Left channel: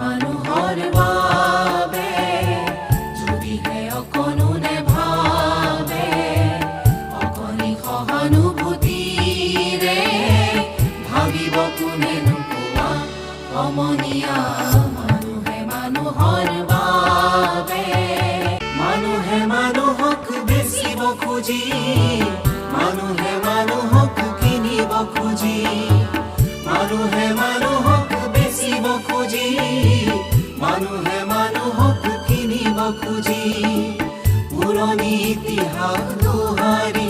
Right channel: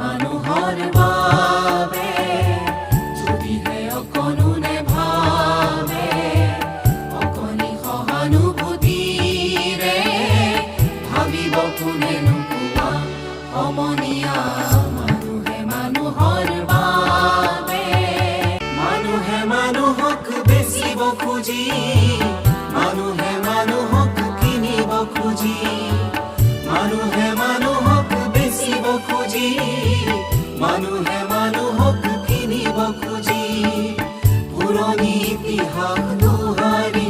মানুহৰ বাবে যদিহে অকণোনে ভাবে অকণি সহানুভূতিৰে ভাবিব কোনেনো কোৱা সমনীয়া মানুহে মানুহৰ বাবে মানুহে মানুহক বেচিব খুজি মানুহে মানুহক কিনিব খুজি মানুহে মানুহক বেচিব খুজি মানুহে মানুহক কিনিব খুজি পুৰণি ইতিহাস দোহাৰি